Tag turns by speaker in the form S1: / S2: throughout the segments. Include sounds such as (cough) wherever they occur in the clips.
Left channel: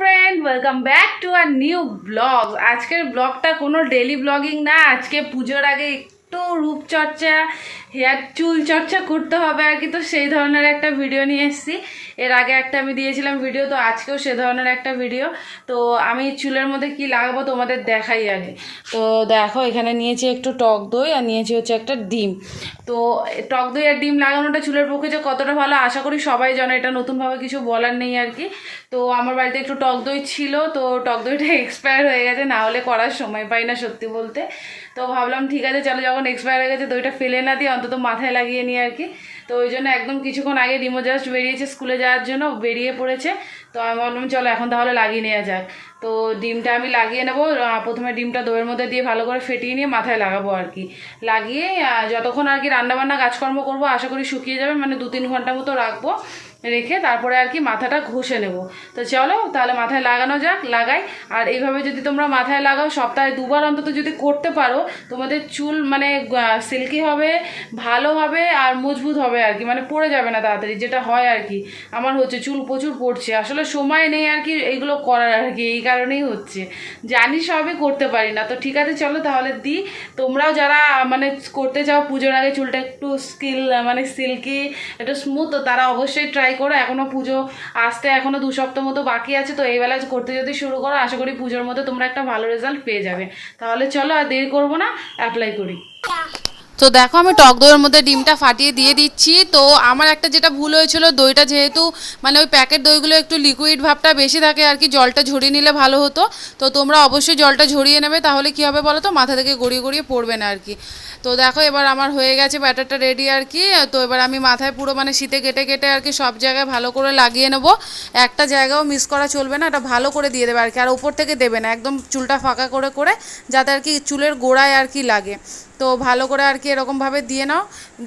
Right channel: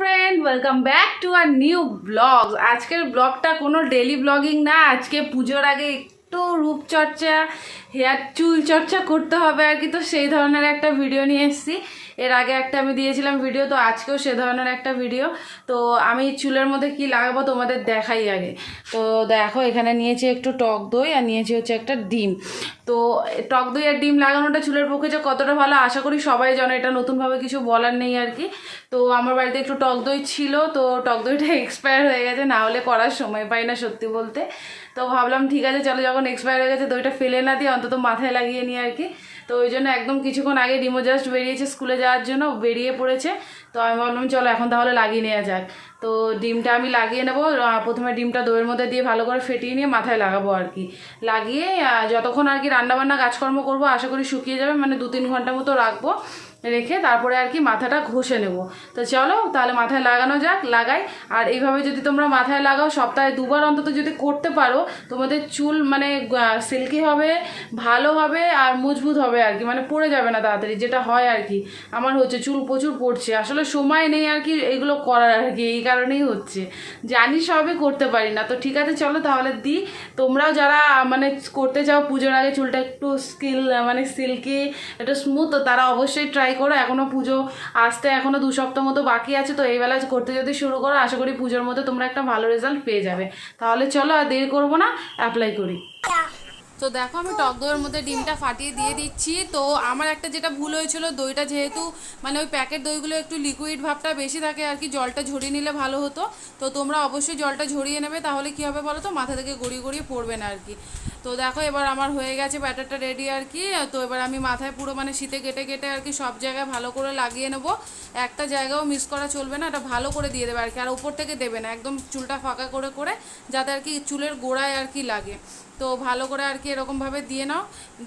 S1: Friend welcome back to our new blog আজকের ব্লগটা কোনো ডেলি ব্লগিং না, আজকে পুজোর আগে একটু রূপচর্চা হেয়ার চুল চর্চা করতে হবে আর কি। তো সেই ধরনের একটা ভিডিও নিয়ে এসেছি। এর আগে একটা আমি দিয়েছিলাম ভিডিও তো আজকেও সে ধরনের একটা ভিডিও তো আমি চুলের মধ্যে কি লাগাবো তোমাদের দেখাই আগে। তো দেখো, এখানে নিয়েছি একটু টক দই আর নিয়েছি হচ্ছে একটা ডিম। তো টক দই আর ডিম লাগানোটা চুলের পক্ষে যে কতটা ভালো, আশা করি সবাই জানো, এটা নতুনভাবে কিছু বলার নেই আর কি। তো আমার বাড়িতে একটু টক দই ছিল, তো টক দইটা (laughs) এক্সপায়ার হয়ে গেছে, না হলে করার সময় পাই না সত্যি বলতে। তো ভাবলাম, ঠিক আছে, চলো, যখন এক্সপায়ার হয়ে গেছে, দইটা ফেলে না দিয়ে অন্তত মাথায় লাগিয়ে নিই আর কি। তো ওই জন্য একদম কিছুক্ষণ আগে রিমো জাস্ট বেরিয়েছে স্কুলে যাওয়ার জন্য বেরিয়ে পড়েছে। তো আমি ভাবলাম, চলো এখন তাহলে লাগিয়ে নেওয়া যাক। তো ডিমটা আমি লাগিয়ে নেব প্রথমে ডিমটা দইয়ের মধ্যে দিয়ে ভালো করে ফেটিয়ে নিয়ে মাথায় লাগাবো আর কি। লাগিয়ে যতক্ষণ আর কি রান্নাবান্না কাজকর্ম করব, আশা করি শুকিয়ে যাবে মানে দু তিন ঘণ্টা মতো রাখব। রেখে তারপরে আর কি মাথাটা ঘষে নেব। তো চলো, তাহলে মাথায় লাগানো যাক, লাগাই। আর এইভাবে যদি তোমরা মাথায় লাগাও, সপ্তাহে দুবার অন্তত যদি করতে পারো, তোমাদের চুল মানে সিল্কি হবে, ভালো হবে আর মজবুত হবে আর কি। মানে পড়ে যাবে না তাড়াতাড়ি, যেটা হয় আর কি। আমার হচ্ছে চুল প্রচুর পড়ছে। আসলে সময় নেই আর কি এইগুলো করার আর কি, এই কারণেই হচ্ছে। জানি সবই করতে পারি না। তো ঠিক আছে, চলো তাহলে দিই তোমরাও যারা মানে করতে চাও পুজোর আগে চুলটা একটু স্কিল মানে সিল্কি একটু স্মুথ তারা অবশ্যই ট্রাই করো এখনও পুজো আসতে এখনও দু সপ্তাহ মতো বাকি আছে, তো এই বেলা করতে যদি শুরু করো, আশা করি পুজোর মধ্যে তোমরা একটা ভালো রেজাল্ট পেয়ে যাবে। তাহলে চলো আর দেরি করব না অ্যাপ্লাই করি। তো দেখো আমি টক দইয়ের মধ্যে ডিমটা ফাটিয়ে দিয়ে দিচ্ছি। তো আমার একটা যেটা ভুল হয়েছিল, দইটা যেহেতু মানে ওই প্যাকেট দইগুলো একটু লিকুইড ভাবটা বেশি থাকে আর কি, জলটা ঝরিয়ে নিলে ভালো হতো। তো তোমরা অবশ্যই জলটা ঝরিয়ে নেবে, তাহলে কি হবে বলো তো? মাথা থেকে গড়িয়ে গড়িয়ে পড়বে না আর কি। তো দেখো, এবার আমার হয়ে গেছে ব্যাটারটা রেডি আর কি। তো এবার আমি মাথায় পুরো মানে শীতে কেটে কেটে আর কি সব জায়গায় ভালো করে লাগিয়ে নেব। একটা জায়গাও মিস করা চলবে না, এটা ভালো করে দিয়ে দেবে আর কি। আর ওপর থেকে দেবে না, একদম চুলটা ফাঁকা করে করে যাতে আর কি চুলের গোড়ায় আর কি লাগে। তো ভালো করে আর কি এরকমভাবে দিয়ে নাও।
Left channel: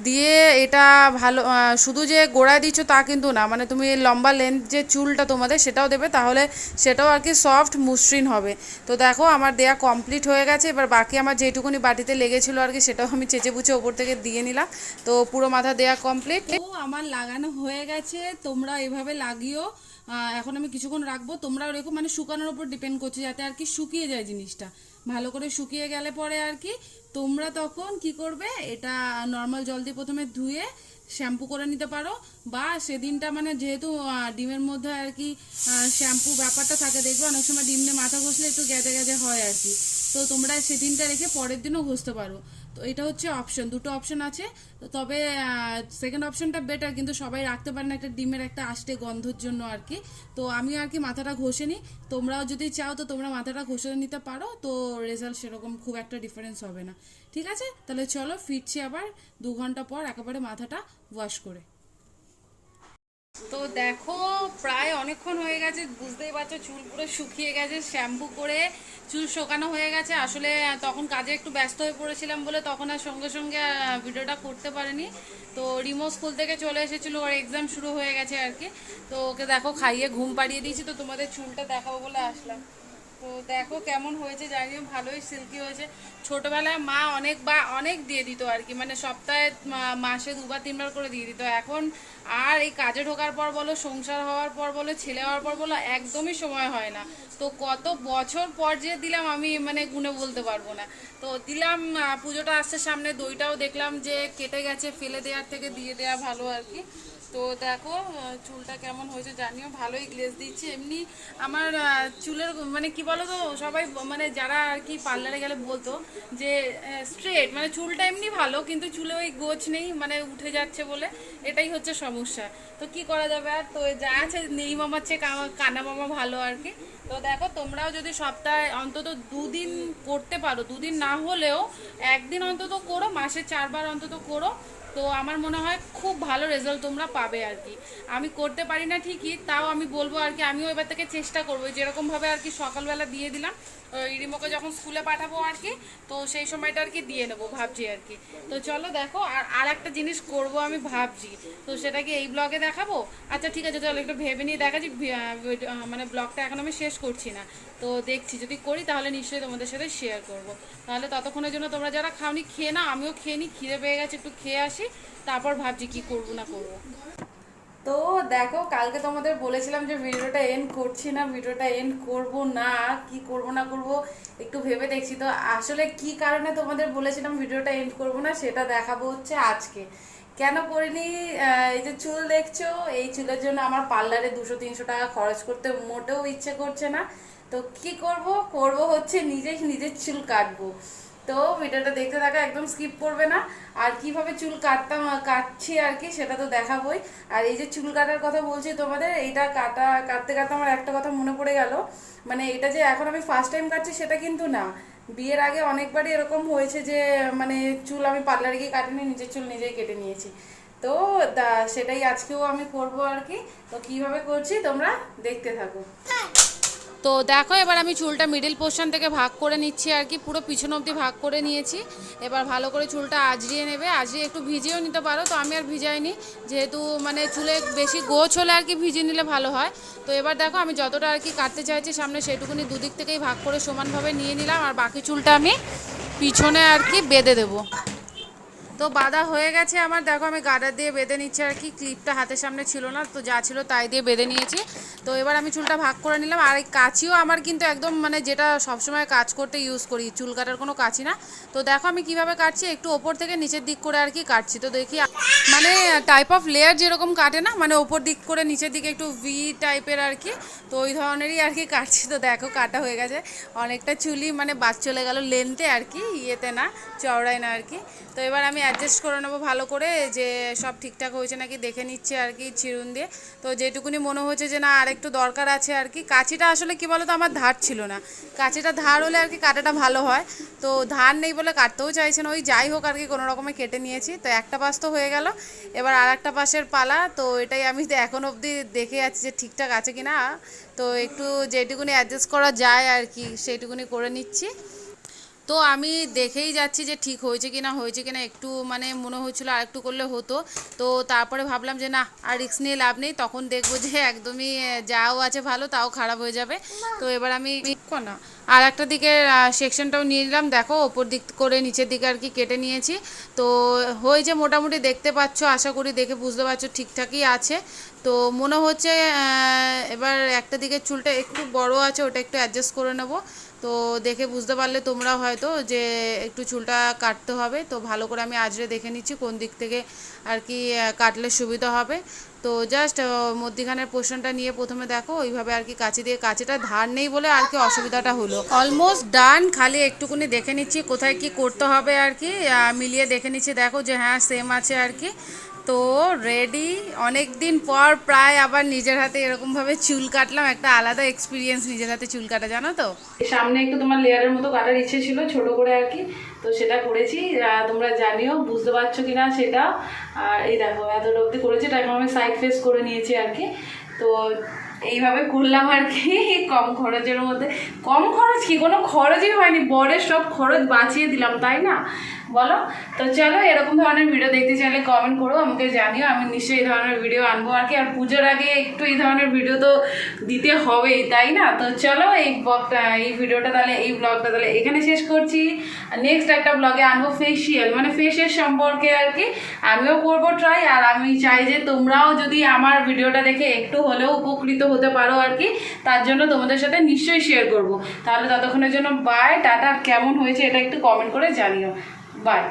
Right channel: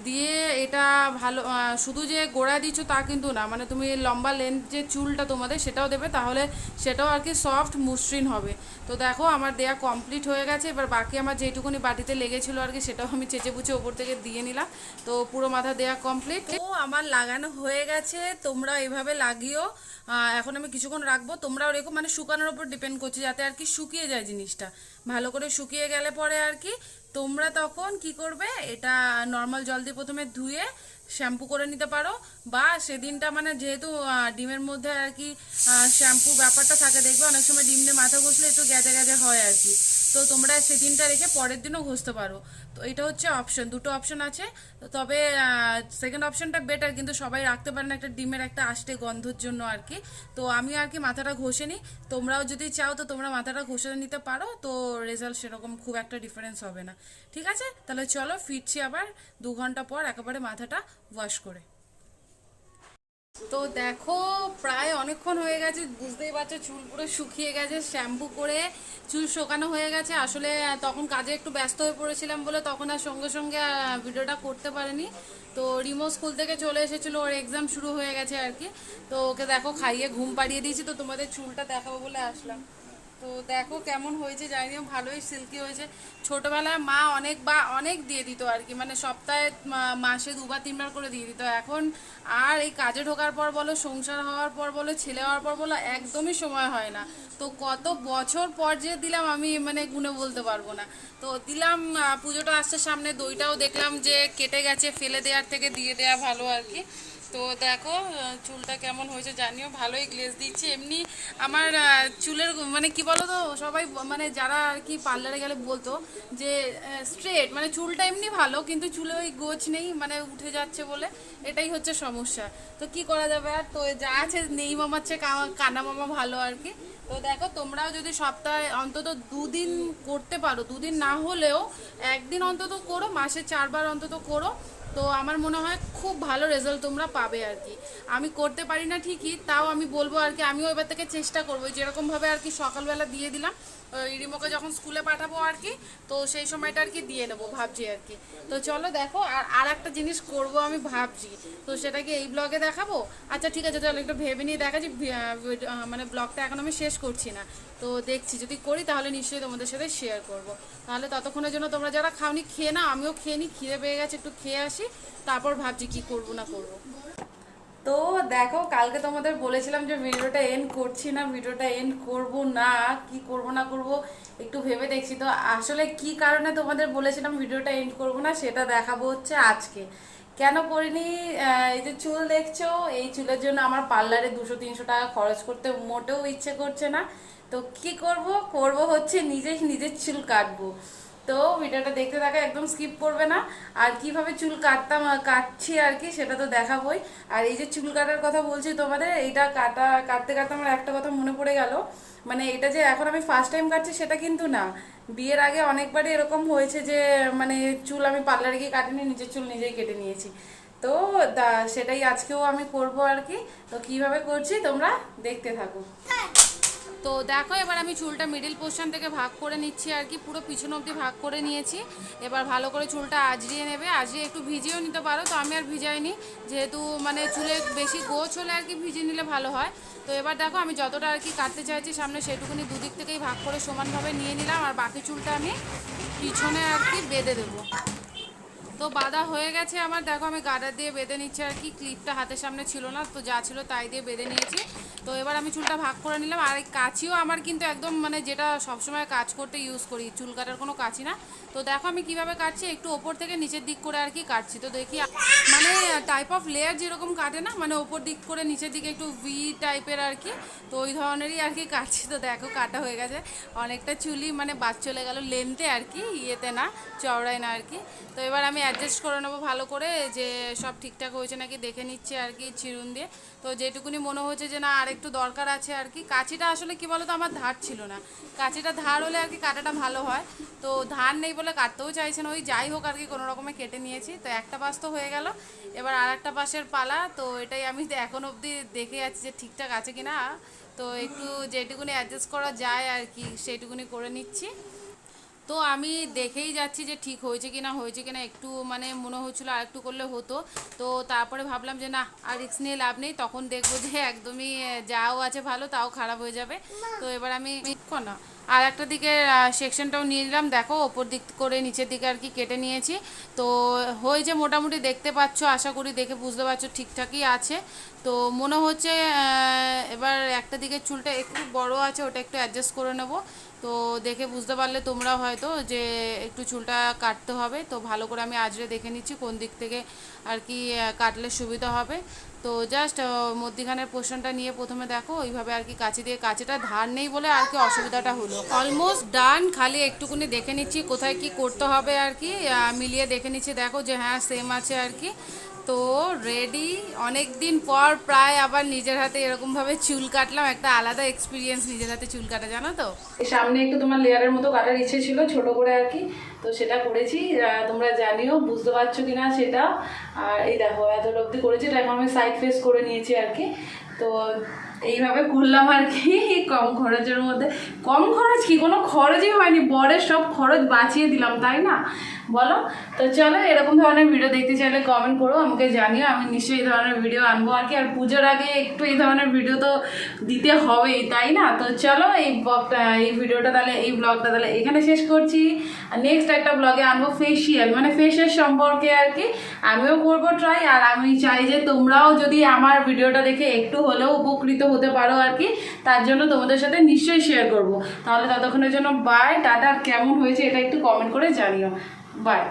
S1: দিয়ে এটা ভালো শুধু যে গোড়ায় দিচ্ছ তা কিন্তু না মানে তুমি লম্বা লেন্থ যে চুলটা তোমাদের সেটাও দেবে, তাহলে সেটাও আর কি সফট মসৃণ হবে। তো দেখো আমার দেয়া কমপ্লিট হয়ে গেছে, এবার বাকি আমার যেটুকুনি বাটিতে লেগেছিলো আর কি সেটাও আমি চেঁচে বুচে ওপর থেকে দিয়ে নিলাম। তো পুরো মাথা দেয়া কমপ্লিট ও, আমার লাগানো হয়ে গেছে, তোমরা এভাবে লাগিও। এখন আমি কিছুক্ষণ রাখব, তোমরাও রেখো মানে শুকানোর উপর ডিপেন্ড করছে, যাতে আর কি শুকিয়ে যায় জিনিসটা। ভালো করে শুকিয়ে গেলে পরে আর কি তোমরা তখন কি করবে? এটা নর্মাল জল দিয়ে প্রথমে ধুয়ে শ্যাম্পু করে নিতে পারো। বা সেদিনটা মানে যেহেতু ডিমের মধ্যে আর কি শ্যাম্পু ব্যাপারটা থাকে, দেখবে অনেক সময় ডিম দিয়ে মাথা ঘষলে একটু গ্যাজে গ্যাজে হয় আর কি। তো তোমরা সেদিনটা রেখে পরের দিনও ঘষতে পারো। তো এটা হচ্ছে অপশন দুটো অপশন আছে। তবে সেকেন্ড অপশনটা বেটার কিন্তু সবাই রাখতে পারে না একটা ডিমের একটা আষ্টে গন্ধর জন্য আর কি। তো আমি আর কি মাথাটা ঘষে নিই তোমরাও যদি চাও তো তোমরা মাথাটা ঘষে নিতে পারো। তো রেজাল্ট সেরকম খুব একটা ডিফারেন্স হবে না। ঠিক আছে? তাহলে চলো ফিরছি আবার দু ঘণ্টা পর একেবারে মাথাটা ওয়াশ করে। তো দেখো, প্রায় অনেকক্ষণ হয়ে গেছে, বুঝতেই পারছ, চুল পুরো শুকিয়ে গেছে শ্যাম্পু করে চুল শোকানো হয়ে গেছে। আসলে তখন কাজে একটু ব্যস্ত হয়ে পড়েছিলাম বলে তখন আর সঙ্গে সঙ্গে ভিডিওটা করতে পারিনি। তো রিমো স্কুল থেকে চলে এসেছিল, ওর এক্সাম শুরু হয়ে গেছে আর কি। তো ওকে দেখো, খাইয়ে ঘুম পাড়িয়ে দিয়েছি, তো তোমাদের চুলটা দেখাবো বলে আসলাম। তো দেখো কেমন হয়েছে, জানিও ভালোই সিল্কি হয়েছে। ছোটবেলায় মা অনেক বা অনেক দিয়ে দিত আর কি মানে সপ্তাহে মাসে দুবার, তিনবার করে দিয়ে দিত। এখন আর এই কাজে ঢোকার পর বলো, সংসার হওয়ার পর বলো, ছেলে হওয়ার পর বলো, একদমই সময় হয় না। তো কত বছর পর যে দিলাম আমি মানে গুনে বলতে পারব না। তো দিলাম পুজোটা আসছে সামনে, দইটাও দেখলাম যে কেটে গেছে, ফেলে দেওয়ার থেকে দিয়ে দেওয়া ভালো আর কি। তো দেখো চুলটা কেমন হয়েছে জানিও, ভালোই গ্লেজ দিচ্ছি। এমনি আমার চুলের মানে কি বলো তো সবাই মানে যারা আর কি পার্লারে গেলে বলতো যে স্ট্রেট মানে চুলটা এমনি ভালো, কিন্তু চুলে ওই গোছ নেই মানে উঠে যাচ্ছে বলে, এটাই হচ্ছে সমস্যা। তো কি করা যাবে আর? তো যা আছে, নেই মামার চেয়ে কানা মামা ভালো আর কি। তো দেখো, তোমরাও যদি সপ্তাহে অন্তত দুদিন করতে পারো, দুদিন না হলেও একদিন অন্তত করো, মাসে চারবার অন্তত করো। তো আমার মনে হয় খুব ভালো রেজাল্ট তোমরা পাবে আর কি। আমি করতে পারি না ঠিকই, তাও আমি বলব আর কি, আমিও এবার থেকে চেষ্টা করব। যেরকমভাবে আর কি সকালবেলা দিয়ে দিলাম ওই রিমোকে যখন স্কুলে পাঠাবো আর কি, তো সেই সময়টা আর কি দিয়ে নেব ভাবছি আর কি। তো চলো দেখো, আর আর একটা জিনিস করব আমি ভাবছি, তো সেটা কি এই ব্লগে দেখাবো। আচ্ছা ঠিক আছে, চলো একটু ভেবে নিয়ে দেখাচ্ছি মানে ব্লগটা এখন আমি শেষ করছি না। তো দেখছি, যদি করি তাহলে নিশ্চয়ই তোমাদের সাথে শেয়ার করব। তাহলে ততক্ষণের জন্য তোমরা যারা খাওনি, খেয়ে না আমিও খেয়ে নিই খিদে পেয়ে গেছে, একটু খেয়ে আসি। তারপর ভাবছি কি করব না করব। তো দেখো, কালকে তোমাদের বলেছিলাম যে ভিডিওটা এন্ড করছি না, ভিডিওটা এন্ড করব না, কি করব না করব, একটু ভেবে দেখছি তো। আসলে কি কারণে তোমাদের বলেছিলাম ভিডিওটা এন্ড করব না, সেটা দেখাবো হচ্ছে আজকে। কেন করিনি? এই যে চুল দেখছ, এই চুলের জন্য আমার পার্লারে দুশো, তিনশো টাকা খরচ করতে মোটেও ইচ্ছে করছে না। তো কি করব? করব হচ্ছে নিজেই নিজের চুল কাটবো। তো ভিডিওটা দেখতে থাকা একদম স্কিপ করবে না। আর কীভাবে চুল কাটতাম কাটছি আর কি, সেটা তো দেখাবই। আর এই যে চুল কাটার কথা বলছি তোমাদের, এইটা কাটা, কাটতে কাটতে আমার একটা কথা মনে পড়ে গেল। মানে এটা যে এখন আমি ফার্স্ট টাইম কাটছি সেটা কিন্তু না। বিয়ের আগে অনেকবারই এরকম হয়েছে যে মানে চুল আমি পার্লারে গিয়ে কাটিনি, নিজের চুল নিজেই কেটে নিয়েছি। তো সেটাই আজকেও আমি করব আর কি। তো কীভাবে করছি তোমরা দেখতে থাকো। তো দেখো, এবার আমি চুলটা মিডিল পোর্শন থেকে ভাগ করে নিচ্ছি আর কি, পুরো পিছন অবধি ভাগ করে নিয়েছি। এবার ভালো করে চুলটা আজরিয়ে নেবে আজরিয়ে একটু ভিজিয়েও নিতে পারো, তো আমি আর ভিজাইনি। যেহেতু মানে চুলে বেশি গোছ হলে আর কি ভিজিয়ে নিলে ভালো হয়। তো এবার দেখো, আমি যতটা আর কি কাটতে চাইছি সামনে সেটুকুনি দুদিক থেকেই ভাগ করে সমানভাবে নিয়ে নিলাম, আর বাকি চুলটা আমি পিছনে আর কি বেঁধে দেবো। তো বাঁধা হয়ে গেছে আমার। দেখো, আমি গাডার দিয়ে বেঁধে নিচ্ছি, আর কি ক্লিপটা হাতের সামনে ছিল না, তো যা ছিল তাই দিয়ে বেঁধে নিয়েছি। তো এবার আমি চুলটা ভাগ করে নিলাম, আর এই কাঁচিও আমার কিন্তু একদম মানে যেটা সবসময় কাজ করতে ইউজ করি, চুল কাটার কোনো কাঁচি না। তো দেখো, আমি কীভাবে কাটছি, একটু ওপর থেকে নিচের দিক করে আর কি কাটছি। তো দেখি মানে টাইপ অফ লেয়ার যেরকম কাটে না মানে ওপর দিক করে নিচের দিকে একটু ভি টাইপের আর কি, তো ওই ধরনেরই আর কি কাটছি। তো দেখো, কাটা হয়ে গেছে। অনেকটা চুলি মানে বাদ চলে গেল লেন্থে আর কি, ইয়েতে না, চওড়ায় না আর কি। তো এবার আমি অ্যাডজাস্ট করে নেব ভালো করে, যে সব ঠিকঠাক হয়েছে নাকি দেখে নিচ্ছে আর কি চিরুন দিয়ে। তো যেটুকুনি মনে হচ্ছে যে না, আরেকটু দরকার আছে আর কি। কাঁচিটা আসলে কি বলো তো আমার ধার ছিল না। কাঁচিটা ধার হলে আর কি কাটাটা ভালো হয়। তো ধার নেই বলে কাটতেও চাইছে না। ওই যাই হোক আর কি, কোনো রকমে কেটে নিয়েছি। তো একটা পাশ তো হয়ে গেল। এবার আর একটা পাশের পালা। তো এটাই আমি এখন অবধি দেখে যাচ্ছি যে ঠিকঠাক আছে কি না তো একটু যেটুকুনি অ্যাডজাস্ট করা যায় আর কি, সেইটুকুনি করে নিচ্ছি। তো আমি দেখেই যাচ্ছি যে ঠিক হয়েছে কি না হয়েছে কি না একটু মানে মনে হচ্ছিল আর একটু করলে হতো। তো তারপরে ভাবলাম যে না, আর রিস্ক নিয়ে লাভ নেই, তখন দেখব যে একদমই যাও আছে ভালো, তাও খারাপ হয়ে যাবে। তো এবার আমি না আর একটা দিকে সেকশনটাও নিয়ে নিলাম। দেখো, ওপর দিক করে নিচের দিকে আর কি কেটে নিয়েছি। তো হয়েছে মোটামুটি দেখতে পাচ্ছ, আশা করি দেখে বুঝতে পারছ ঠিকঠাকই আছে। তো মনে হচ্ছে এবার একটা দিকের চুলটা একটু বড় আছে, ওটা একটু অ্যাডজাস্ট করে নেব। তো দেখে বুঝতে পারলে তোমরা হয়তো যে একটু চুলটা কাটতে হবে। তো ভালো করে আমি আজরে দেখে নিচ্ছি কোন দিক থেকে আর কি কাটলে সুবিধা হবে। তো জাস্ট মধ্যিখানের পোর্শনটা নিয়ে প্রথমে দেখো, ওইভাবে আর কি কাঁচি দিয়ে, কাঁচিটা ধার নেই বলে আর কি অসুবিধাটা হলো। অলমোস্ট ডান খালি একটুকুনি দেখে নিচ্ছি কোথায় কি করতে হবে আর কি মিলিয়ে দেখে নিচ্ছি। দেখো যে হ্যাঁ সেম আছে আর কি। তো রেডি অনেক দিন পর প্রায় আবার নিজের হাতে এরকমভাবে চুল কাটলাম। একটা আলাদা এক্সপিরিয়েন্স নিজের হাতে চুল কাটা, জানো তো? সামনে একটু তোমার লেয়ারের মতো কাটার ইচ্ছে ছিল, ছোট করে আর কি। তো সেটা করেছি। তোমরা জানিও, বুঝতে পারছ কি না সেটা। আর এই দেখো, এত অবধি করেছি, এটা এখন আমি সাইড ফেস করে নিয়েছি আর কি। তো এইভাবে করলাম আর কি, কম খরচের মধ্যে। কম খরচ কি? কোনো খরচই হয়নি, বরের সব খরচ বাঁচিয়ে দিলাম, তাই না? বলো? তো চলো, এরকম ধরনের ভিডিও দেখতে চাইলে কমেন্ট করো, আমাকে জানিও, আমি নিশ্চয়ই এই ধরনের ভিডিও আনব। আর কি, আর পুজোর আগে একটু এই ধরনের ভিডিও তো দিতে হবেই, তাই না? তো চলো, এই ব্লগটা এই ভিডিওটা তাহলে, এই ব্লগটা তাহলে এখানে শেষ করছি। নেক্সট একটা ব্লগে আনব ফেসিয়াল মানে ফেসের সম্পর্কে আর কি। আমিও করব ট্রাই আর আমি চাই যে তোমরাও যদি আমার ভিডিওটা দেখে একটু হলেও উপকৃত হতে পারো আর কি, তার জন্য তোমাদের সাথে নিশ্চয়ই শেয়ার করব। তাহলে ততক্ষণের জন্য বাই টাটা কেমন হয়েছে এটা একটু কমেন্ট করে জানিও। বাই